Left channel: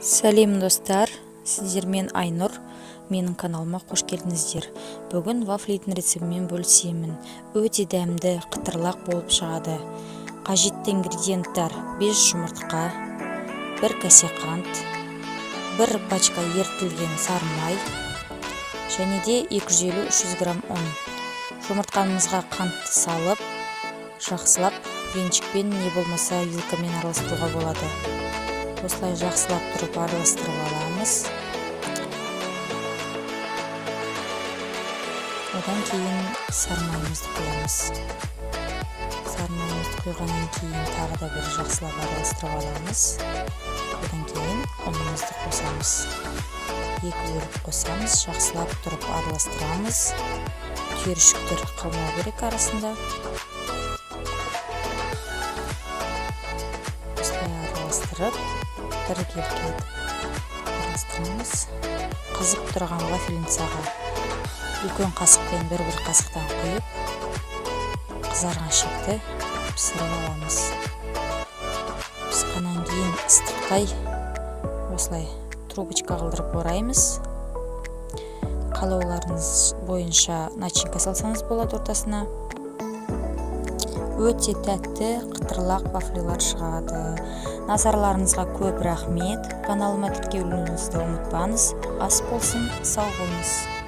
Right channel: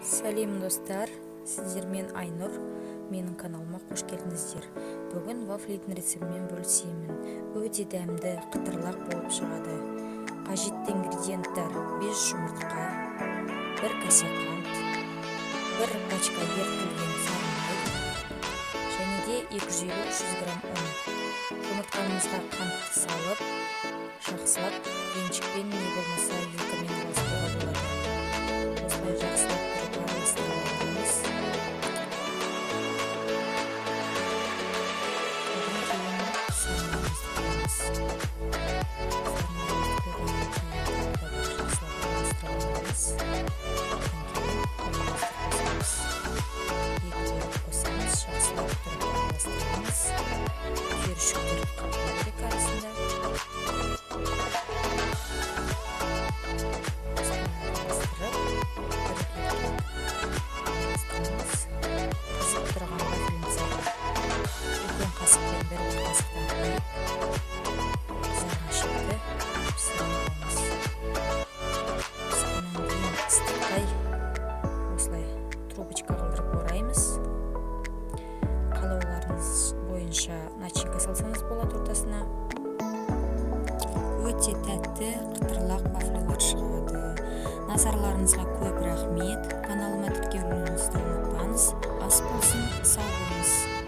Сәлем достар, сіздермен Айнұр, менің каналыма қош келдіңіздер. Бүгін вафлидің рецептімен бөлісемін. Өте дәмді, қытырлақ болып шығады. Қажетті ингредиенттер: 5 жұмыртқа, 1 кесе қант, 1 пачка ерітілген сары май, және де 250-300 грамм ұн. Жұмыртқамызға қантты салып, жақсылап венчикпен не болмаса вилкамен араластыруға болады. Осылай жақсылап тұрып араластырып аламыз. Одан кейін сары майымызды құямыз. Сары майымызды құйғаннан кейін тағы да бір жақсылап араластырып аламыз. Одан кейін ұнымызды қосамыз. 2 бөліп қосамыз, жақсылап тұрып араластырамыз. Түйіршіктер қалмау керек арасында. Бірге араластырамыз. Қызып тұрған вафлинцаға үлкен қасықпен бір қасықтан құйып, қызарған шекті пісіріп аламыз. Пісқаннан кейін ыстықтай осылай трубочка қылдырып ораймыз. Қалауларыңыз бойынша начинка салсаңыз болады ортасына. Өте тәтті, қытырлақ вафлилар шығады. Назарларыңызға көп рахмет. Каналыма тіркелуіңізді ұмытпаңыз. Ас болсын, сау болыңыз.